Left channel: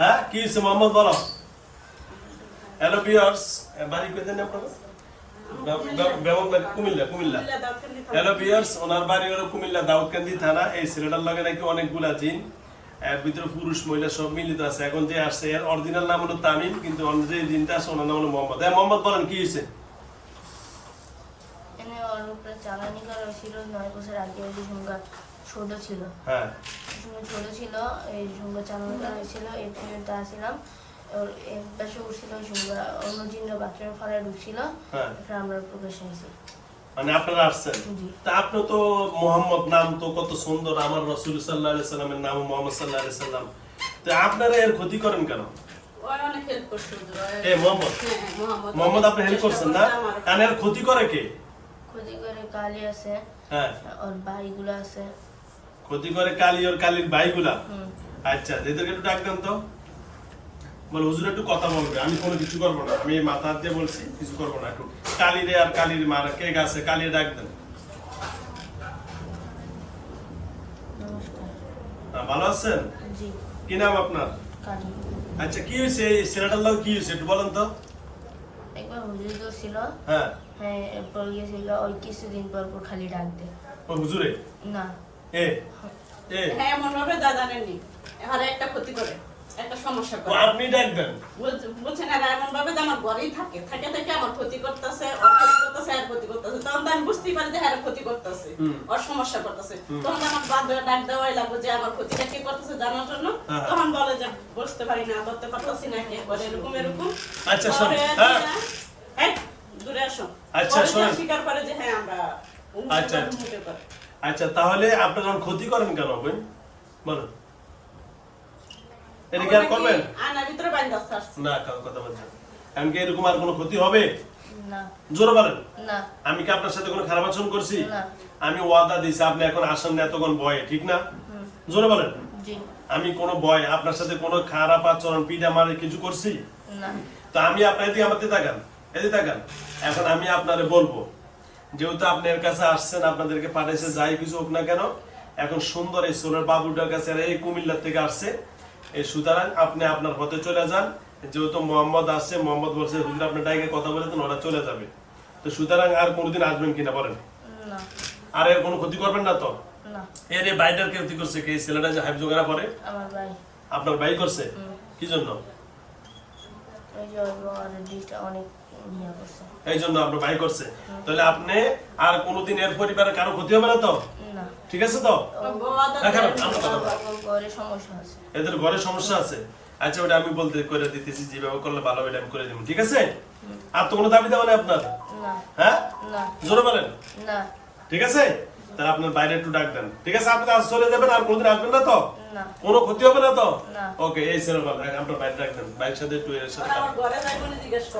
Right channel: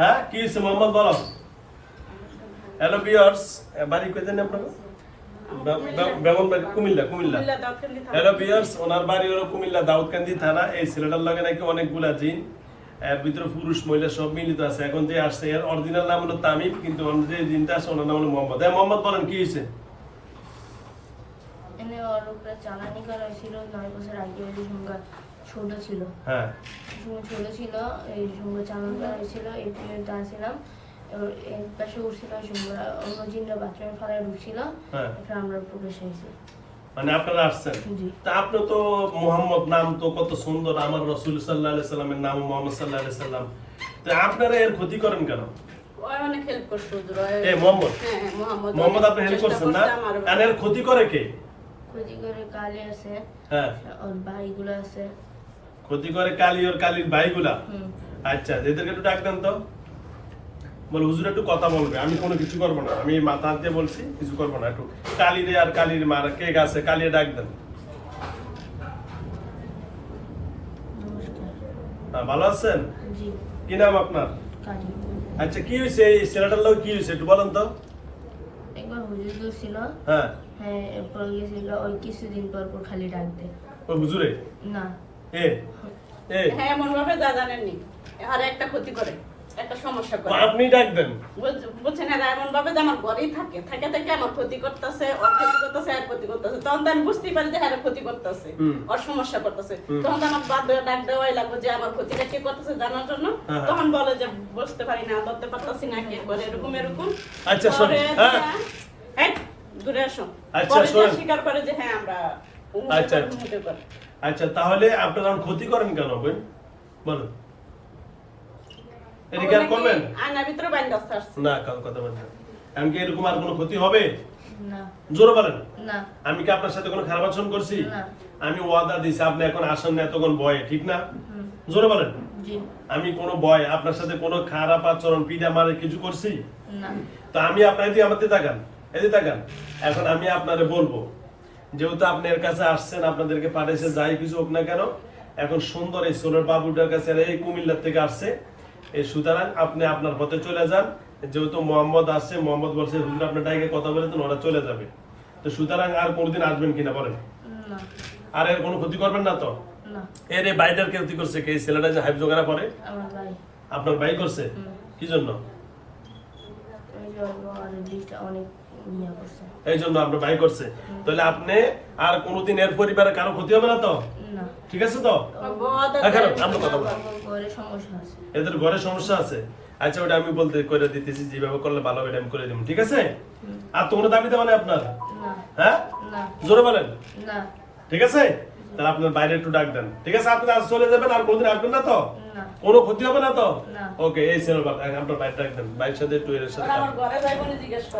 হ্যাঁ কি হয়েছে মোহাম্মদ বলো। হ্যালো বিয়ার্স বাড়ি আপনার? কুমিল্লা কুমিল্লা। হ্যালো বিয়ার্স ওনার বাড়ি হলো কুমিল্লা দাউদকান্দি থানা। এই ছেলেটার লগে নাকি অনেকগুলা জিন এর ভিতরে পুরুষ মহিলা সব মিলিত আছে। এখন যে আসছে এর অরিজিনাল নাম হলো তামিম কিন্তু অন্য যে জিনটা আছে ওনার নাম হলো মোহাম্মদ। হ্যাঁ মোহাম্মদ বলেন কি হয়েছে? এনে চালানি করা হয়েছিল নয় বছর আগে ছোট ছিল। হ্যাঁ। সুঙ্গা ছোট ছিল এই সুঙ্গা হয়েছিল এই ট্রেনটা আসছিলাম এক পাশে উঠছিল সুঙ্গা অন্য জিনরা বাচ্চারা ফলায় ঢুকছিল। হ্যাঁ। তারপরে আমরা প্রকাশ হয়েছি মানে আপনারা আসছেন? তা আপনি তো মোহাম্মদ নাম তো কত সুন্দর আমার রসুল সাল্লাহ আলাইহি সাল্লামের নাম মোহাম্মদ সাল্লাহ আলাইহি সাল্লাম। তো আপনারা এর ক্ষতি করেন কেন। এ মোহাম্মদ? হ্যাঁ, হ্যাঁ, মোহাম্মদ। আপনি হেল্প করছেন না? এর ক্ষতি করে কে? ক্ষতি করে কালি আছে হ্যাঁ। ওর ভাইগুলো আছে। ক্ষতি করে কালি ওর কালির ভাইগুলা। আচ্ছা এদেরকে একটু ডাক দেন তো। বল হুজুর একটু কথা বলবে আমি কোনো কিছু করব না আমি মাথা দিয়ে বলছি কিছু করব না একটু। কালিরে আর কালির মার কে গাছে কালিয়ে ডাক দেন। হ্যাঁ, ভালো আছেন? কি নাম আপনার? আচ্ছা কি হয়েছে এই ছেলেটার লোক কি হয়েছে একটু বলেন তো। একবার হুজুর ছিল হ্যাঁ। হ্যাঁ এরপর গিয়েছিল ওই কিছুদিন পর পর খালি ডাক ও হুজুরে? না। এ এ হ্যাঁ, এমন ভাবে দাদা নেননি। আর একটা ক্ষতি করে, একটা সমস্যা করে। আপনি ডাক দেন আর এমন ভাবে আমার ঘরেই থাকে। থাকে থেকে আমার ক্ষতি করতেছে, করতেছে, আর ক্ষতি করতেছে। তখন তো আমি বুঝতেই পারি যে হ্যাঁ, ক্ষতি করতেছে। ওর সমস্যা করতেছে। তখন তো আমার বাদ ডাক দেওয়াই লাগবে যে আমার ক্ষতিটা কে করতেছে জানার জন্য। হ্যাঁ। তখন বলে যে বুঝতে পারি না, বলতে পারতাছি না, কে বলে এরকম এরকম। আচ্ছা, শোন, হ্যাঁ। দূরে আসো। আচ্ছা, শোন। স্বীকার করে যে হ্যাঁ, আমরা আচ্ছা, আচ্ছা। আচ্ছা তাহলে আপনারা যখন ক্ষতি করেন কেন বই বলেন। এটা কি আর করবেন। না কাউ কথা বলছেন। এমনকি এরকম আর কোনো ক্ষতি হবে? না। জোরে বলেন। আমি কি আপনার সাথে কোনো খারাপ আচরণ করছি? আমি ওয়াদা দিছি আপনি এখন আসেন না এতক্ষণ ভয়ে ঠিক না? জোরে বলেন। আমি কোনো ভয় আপনার সাথে কোনো খারাপ আচরণ পিঠা মারে কিছু করছি? না। তো আমি আপনার এদিকে আমাদের তাকান এদিকে তাকান। এখন আমি আপনারে বলব যেহেতু আপনি এর কাছে আসছেন আপনাদেরকে পাঠাইছে যাই কিছু হোক না কেন এখন সুন্দর এই সোলের বাবুটার কাছে এই কুমিল্লার থেকে আসছে। এই সুতরাং আপনি আপনার পথে চলে যান। যেহেতু মোহাম্মদ আসছে মোহাম্মদ বলছে হুজুর আপনার ডাইকে কথা বলেছেন ওরা চলে যাবে। তো সুতরাং আর কোনোদিন আসবেন কিনা বলেন? আর এর কোনো ক্ষতি করবেন না তো? এর এই বাইটার কে ক্ষতি করছে? কে? ছেলেটা যে হাইপ জোগাড়া পরে আপনার ভাই করছে? কি জন্য? অনেক ইয়ে এই জন্য আপনার ভাই করছে। তাহলে আপনি আর কোনোদিন এর পরিবারে কারও ক্ষতি হবে না তো? ঠিক আছে তো? হ্যাঁ, আমরা কথা বলি। এদের ঘরে সমস্যা আছে। আচ্ছা ওটা আমি বলতে করে দিতেছি যেভাবে করলে ভালো এটা আমি করে দিব ঠিক আছে? আর তো কোনো দাবি দেওয়া নেই আপনার? হ্যাঁ? জোরে বলেন। ঠিক আছে? তাহলে আপনার বাইরে একটু ডাক দেন ঠিক আছে আপনি আজ চলে যাবেন আর কোনোদিন আসবেন না তো? কোনো ক্ষতি হবে না তো? ওকে এই ছেলে আপনার বাইরে ডাক দেন বাইরের সাথে একটু এর সাথে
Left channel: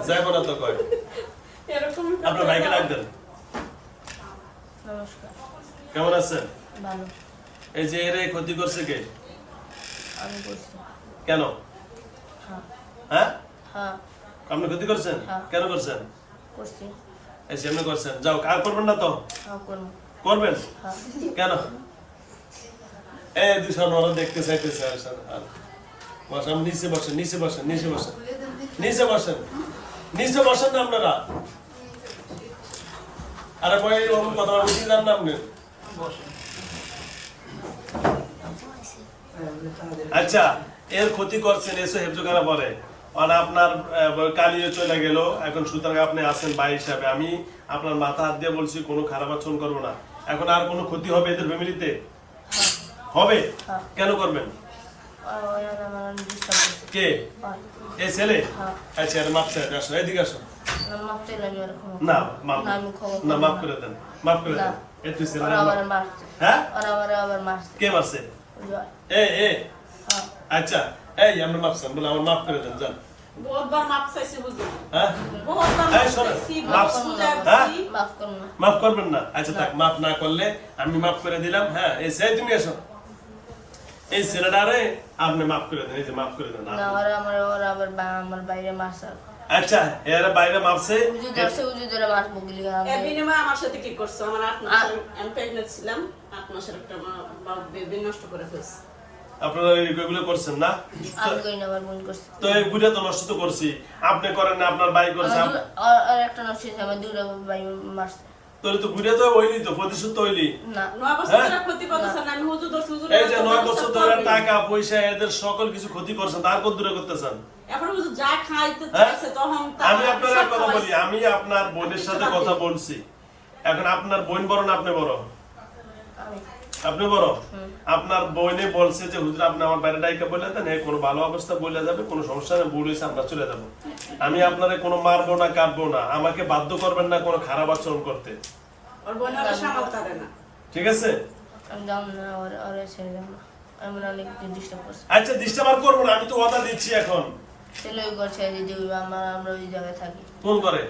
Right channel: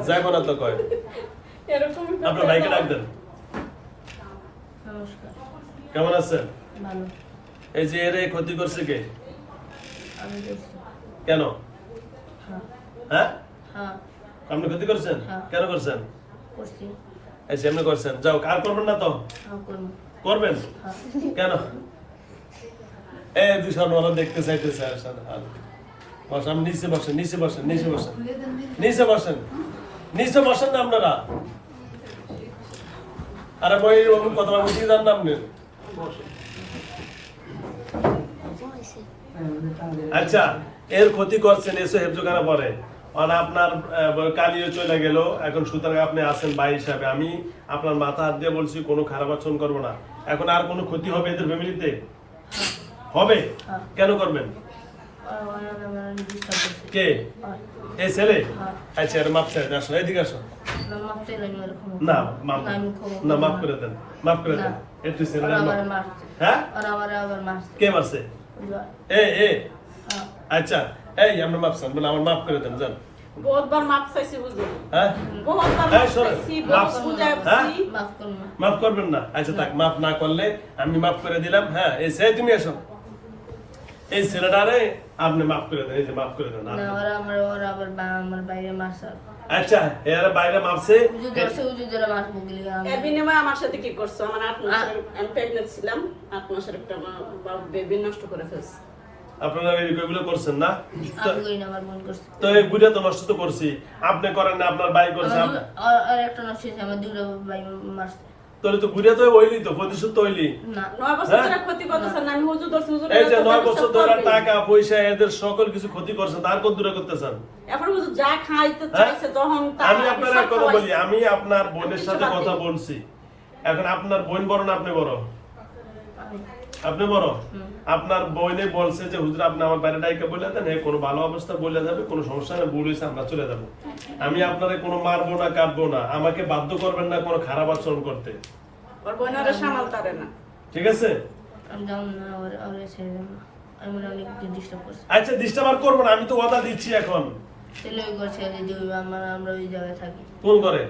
যাইবো না তো কয়? আপনার বাইকে ডাক দেন কেমন আছেন? এই যে এর ক্ষতি করছে কে? কেন? হ্যাঁ। হ্যাঁ? হ্যাঁ। আপনি ক্ষতি করছেন? হ্যাঁ। কেন করছেন? করছি। এই যে এমনি করছেন। যাও আর করবেন না তো? করব। করবেন? কেন? এই দুশো নরা দেখতে চাইতেছে নিচে বসেন নিচে বসেন নিচে বসেন নিচে বসেন নিচে বসেন না আপনারা। আরে কথা বুঝিয়ে না আপনি। আচ্ছা এর ক্ষতি করছেন এসো হেফজোখানা পরে। আর আপনার আহ, কালিও চলে গেল এখন সুতরাং আপনি আছেন ভাই হিসাবে। আমি আপনার মাথা হাত দিয়ে বলছি কোনো খারাপ আচরণ করব না। এখন আর কোনো ক্ষতি হবে এদের ফ্যামিলিতে? হবে? হ্যাঁ। কেন করবেন? কে? এই ছেলে? হ্যাঁ। আচ্ছা মাপ চাই আসো এদিকে আসো। না মাপ না। মাপ করে দেন মাফ করে দেন। ছেলে হ্যাঁ? কে মারছে? এ এ। হ্যাঁ। আচ্ছা এই আমরা মাপছেন বলে আমার মাফ করে দেন যান। বহুতবার মাপ চাইছি বুঝলি। হ্যাঁ হ্যাঁ? মাফ করবেন না আচ্ছা থাক মাফ না করলে আমি মাফ করে দিলাম হ্যাঁ এই তুমি এসো এই ছেলেটারে আপনি মাফ করে দেন এই যে মাফ করে দেন আমার ওরা আবার বা- আমার বাইরে মারছে আচ্ছা এর বাইরে মাপছে আমার সাথে কি করছ? আমার আট মাস আমি pregnant ছিলাম। আট মাসের একটা বেবি নষ্ট করে ফেলছে। আপনারা এগুলো করছেন না? আমি করি না আমার বোন করছে। তো এই গুড়া তো নষ্ট তো করছি। আপনি করেন না আপনার ভাই করছে আমার আপ- দু- আর- আর একটা নষ্ট হয়েছে আমার দুটো ভাই মারছে। তাহলে তো গুড়া তো ওইলি তো প্রতিশোধ তো ওইলি না। নয় বছর? ধরে ক্ষতি করতেছেন আমি হুজুর ধরছি হুজুর এই যে নয় বছর ধরে টাকা পয়সা এদের সকল কিছু ক্ষতি করছেন তার কত দূরে করতেছেন? হ্যাঁ? আমি আপনার এক কথা বলি আমি আপনার বোনের সাথে কথা বলছি। এখন আপনার বোন বড় না আপনি বড়? আপনি বড় আপনার বোনে বলছে যে হুজুর আপনি আমার বাইরে ডাইকে বলে দেন এ কোনো ভালো অবস্থা বলে যাবে কোনো সমস্যা নেই ভুল আমরা চলে যাব। আমি আপনারে কোনো মারবো না কাটবো না আমাকে বাধ্য করবেন না কোনো খারাপ আচরণ করতে। ঠিক আছে? আচ্ছা ডিস্টার্ব আর করব না আমি তো ওয়াদা দিচ্ছি এখন। ছেলে ওই যে দিদি আমার আমরা ওই জায়গায় থাকি। কোন করে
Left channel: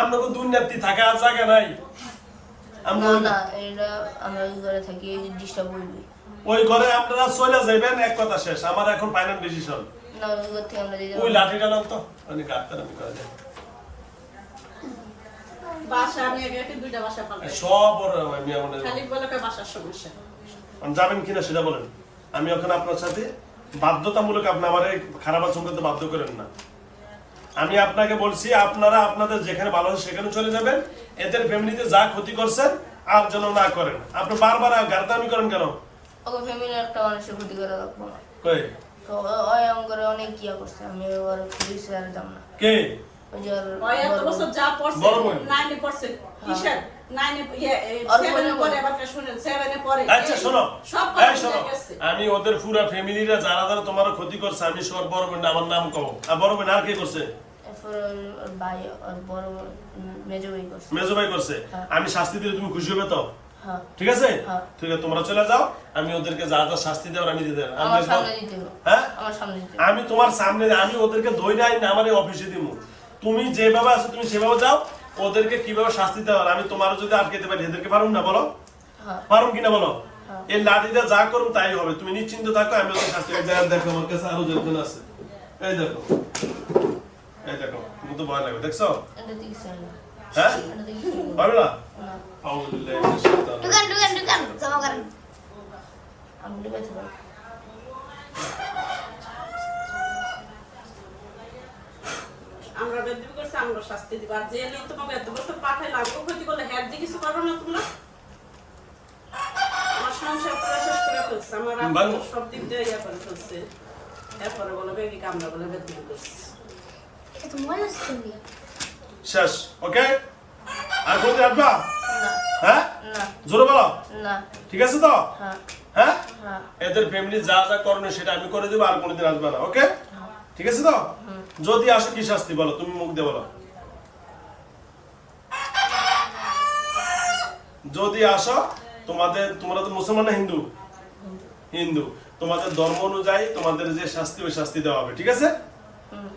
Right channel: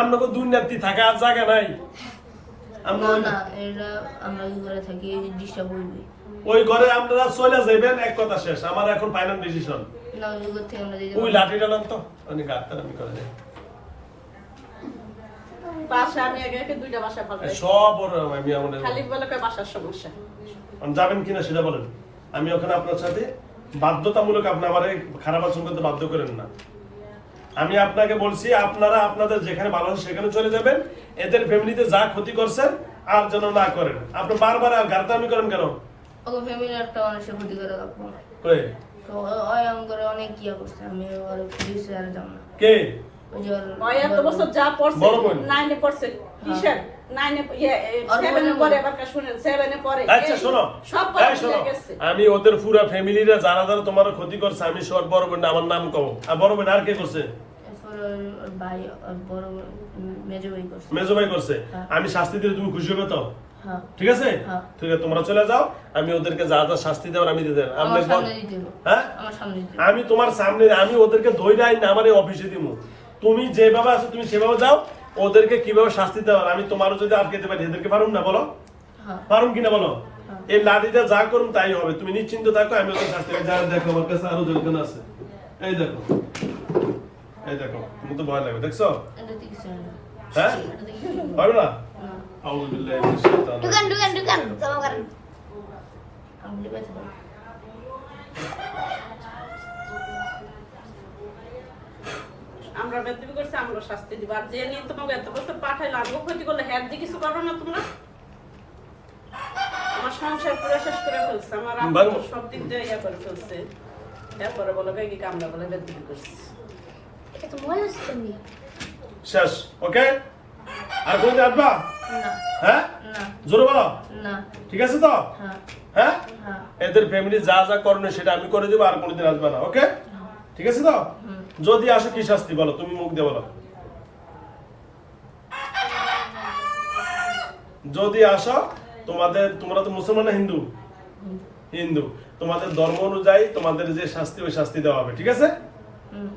আমরা তো দুনিয়াতে থাকে আর জায়গা নাই। আমরা ওই- এটা আমরা ওই ঘরে থাকি ডিস্টার্ব করবে। ওই ঘরে আপনারা চলে যাবেন এক কথা শেষ। আমার এখন ফাইনাল ডিসিশন না ওই ঘর থেকে আমরা ওই লাঠি ডালাম তো। আমি আমি করে দেয় সব আমি আমাদের যাবেন কিনা সেটা বলেন। আমি ওখানে আপনার সাথে বাধ্যতামূলক আপনি আমার খারাপ আচরণ করতে বাধ্য করেন না। আমি আপনাকে বলছি আপনারা আপনাদের যেখানে ভালো আছে সেখানে চলে যাবেন। এদের ফ্যামিলিতে যা ক্ষতি করছেন আর যেন না করেন। আপনি বারবার গার্দামি করেন কেন? ওকে ফ্যামিলি একটা মানুষের ক্ষতি করে রাখব কই? তো ওই করে অনেক কিয়া করছে আমি ওর পুলিশ আর যাব না। কে? ওই যে বড় বোন। নাইনে পড়ছে। কিসের নাইনে ইয়ে, আচ্ছা আমি ওদের পুরো ফ্যামিলিরা যারা যারা তোমার ক্ষতি করছে আমি সর বড় বোন আমার নাম কব আর বড় বোন আর কে করছে? মেজো ভাই করছে। মেজো ভাই করছে। হ্যাঁ। আমি শাস্তি দিলে তুমি খুশি হবে তো? হ্যাঁ। ঠিক আছে? হ্যাঁ। ঠিক আছে তোমরা চলে যাও। আমি ওদেরকে যা যা শাস্তি দেওয়ার আমি দেব। দিতে হ্যাঁ। আমি তোমার সামনে আমি ওদেরকে ধৈর্য আইন আমার এই অফিসে দিমু। তুমি যেভাবে আছো তুমি সেভাবে যাও। ওদেরকে কীভাবে শাস্তি দেওয়ার আমি তোমারও যদি আটকে পারি এদেরকে পারুম না? বলো। হ্যাঁ। পারুম কিনা বলো? হ্যাঁ। এই লাঠিটা যা করুন তাই হবে। তুমি নিশ্চিন্ত থাকো আমি ওদের শাস্তি দেখো, দেখো আমার কাছে আরও দুজন আছে। এই দেখো। এই দেখো তুমি তো ভয় লাগবে দেখছ? হয়। পারবে না। জমা করেন। আমি আমরা বেদবি করছি আমরা শাস্তি দিব। আর যে নিয়ে তোমাকে এত বছর পাঠাইলাম ও ক্ষতি করলে হ্যাঁ দিয়ে কিছু করো না তোমরা। আমার সংসার পুরো শেষ করে ফেলছে আমার আব্বু সব দিক দিয়ে ইয়া করে ফেলছে। এরপরে বলো বেগি কামড়া বলে বেদবি করছি। এটা তো সিস্টেম দিয়ে শেষ ওকে? আর কোনদিন আসবা? না। হ্যাঁ? জোরে বলো। না। ঠিক আছে তো? হ্যাঁ। হ্যাঁ? হ্যাঁ। এদের ফ্যামিলি যা যা করণীয় সেটা আমি করে দেবো আর কোনোদিন আসবে না ওকে? ঠিক আছে তো? যদি আসো কি শাস্তি বলো? তুমি মুখ দিয়ে বলো। যদি আসো তোমাদের তোমরা তো মুসলমান না হিন্দু? হিন্দু। তোমাদের ধর্ম অনুযায়ী তোমাদের যে শাস্তি ওই শাস্তি দেওয়া হবে। ঠিক আছে?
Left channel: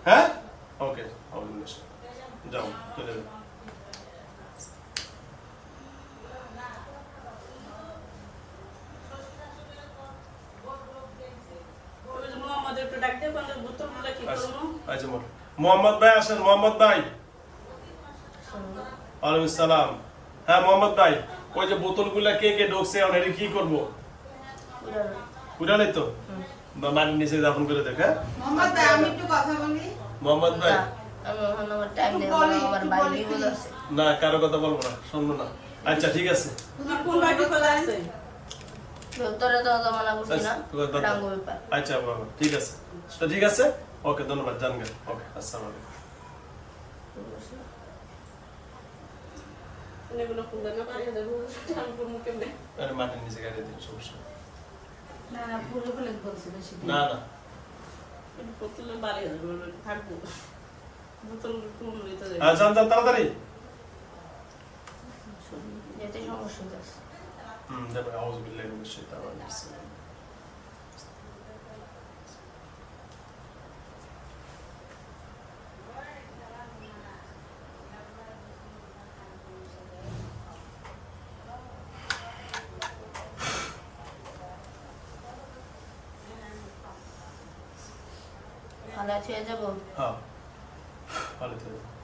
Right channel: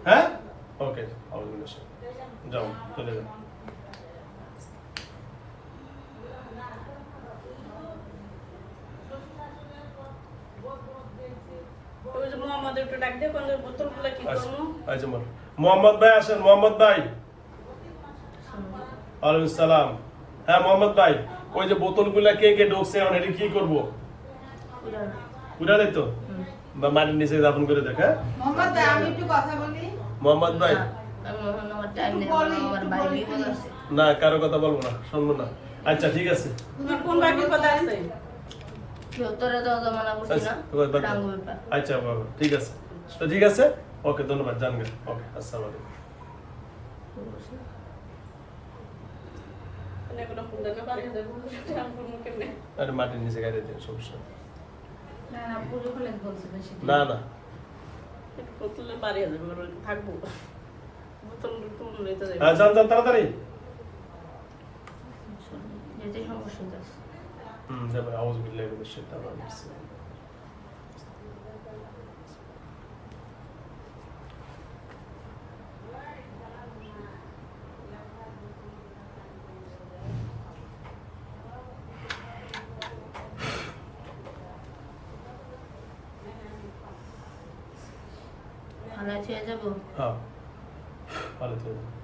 হ্যাঁ? ওকে যাও চলে যাও ওই যে মোহাম্মদের একটু ডাক দিয়ে বলে বোতলগুলো কি আচ্ছা করব আচ্ছা মোর মোহাম্মদ ভাই আসেন মোহাম্মদ ভাই। ওয়ালাইকুম সালাম। হ্যাঁ মোহাম্মদ ভাই ওই যে বোতলগুলা কে কে ঢুকছে কি করব? উড়ানো উঠালে তো মাটির নিচে দাফন করে দেখ হ্যাঁ? মোহাম্মদ ভাই, না কারও কথা বলব না শুনব না। আচ্ছা ঠিক আছে? আচ্ছা, আচ্ছা বাবা ঠিক আছে। তো ঠিক আছে? ওকে ধন্যবাদ ওকে আসসালামু আলাইকুম। না আরে মাটির নিচে গাড়ি দিন সমস্যা না তাড়াতাড়ি। সমস্যা Demin Auzu billahi mineşşeytanirracim. Hala teyze bu. Ha. Hala teyze.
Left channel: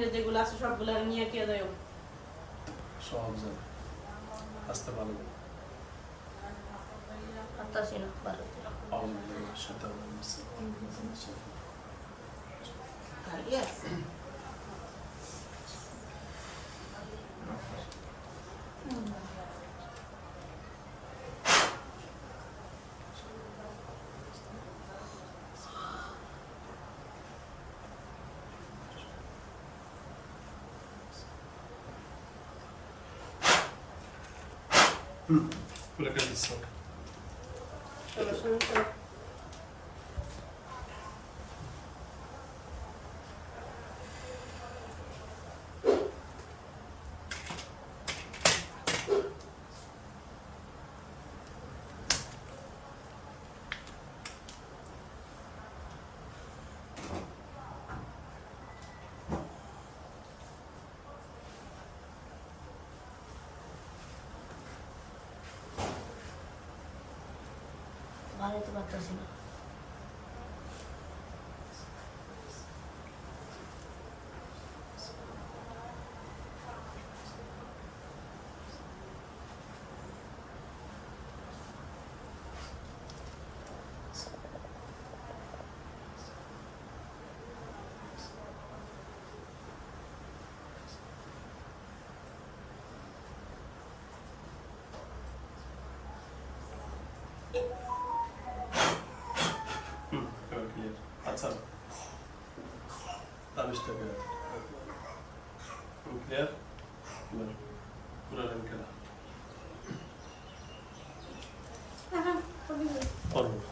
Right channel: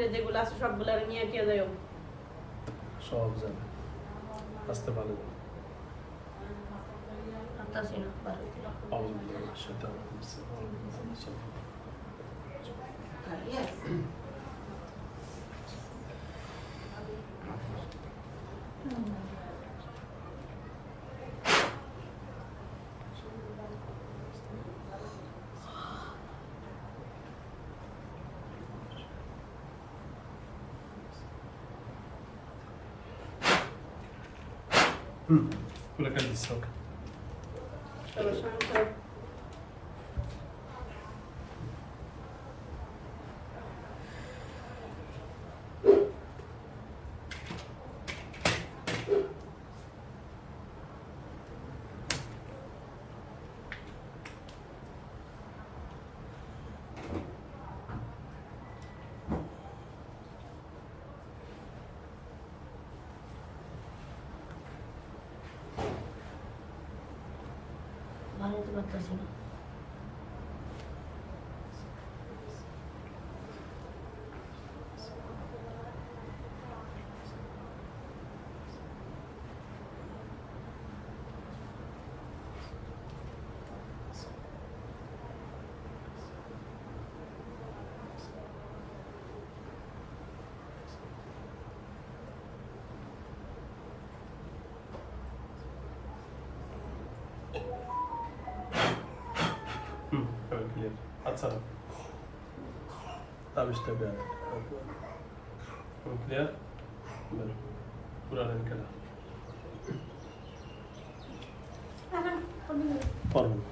যাবো হ্যাঁ ভালো থেকো আলগা মালগা বাইরে যেগুলো আছে সবগুলো নিয়ে কে যাও সব যাবে আসতে ভালো হাতটা ছিল ভালো ছিল أعوذ بالله من الشيطان الرجيم पूरा कर दीजिए দিচ্ছি ওকে ভালো তো পারতেছি না হুম এবার ক্লিয়ার আচ্ছা তাবিজটা ক্লিয়ার ক্লিয়ার পুরা লাইন কেনা পারব না।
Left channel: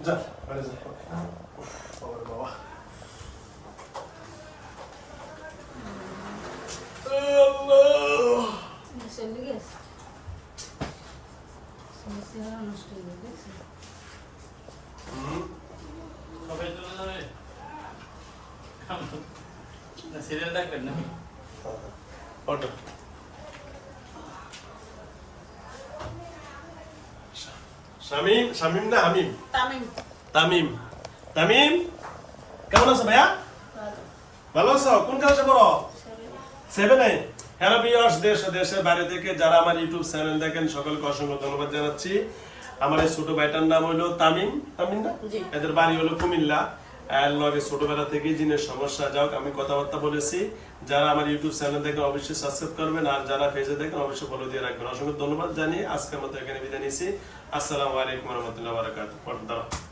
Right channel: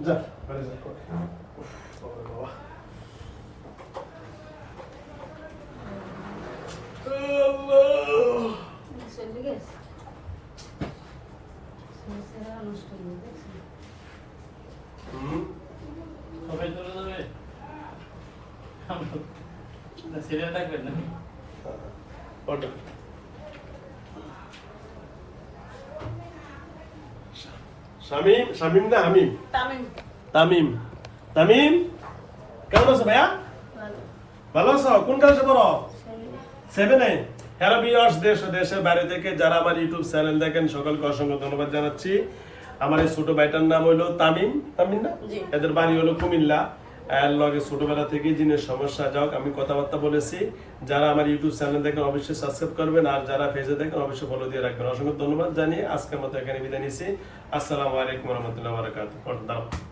যা বাড়ি যা উফ, বাবারে বাবা আল্লাহ চলে গেছে সমস্যাটা নষ্ট হয়ে গেছে হুম সবাই চলে যাবে সিরিয়াল দেখবেন না অর্ডার শামিম শামিম না হামিম? তামিম। তামিম। কেমন আছো ভাইয়া? ভালো ভালো আছো? কোন ক্লাসে পড়ো? সেভেনে হ্যালো বিয়ার্স দেশ দেশের বাইরে থেকে যারা আমার ইউটিউব চ্যানেল দেখেন সকলকে অসংখ্য ধন্যবাদ জানাচ্ছি। আমার এই ছোট ভাইটার নাম হলো তামিম। তামিম না? এদের বাড়ি হলো কুমিল্লা। এর লগে ছোটবেলা থেকে জিনের সমস্যা। যাক আমি কথাবার্তা বলেছি। যারা আমার ইউটিউব চ্যানেল দেখেন অবশ্যই সাবস্ক্রাইব করবেন। আর যারা ফেসে দেখেন অবশ্যই ফলো দিয়ে রাখবেন। অসংখ্য ধন্যবাদ জানিয়ে আজকের মতো এখানে বিদায় নিচ্ছি। আসসালামু আলাইকুম রহমতুল্লাহ বারাকাতুহ। দাঁড়াও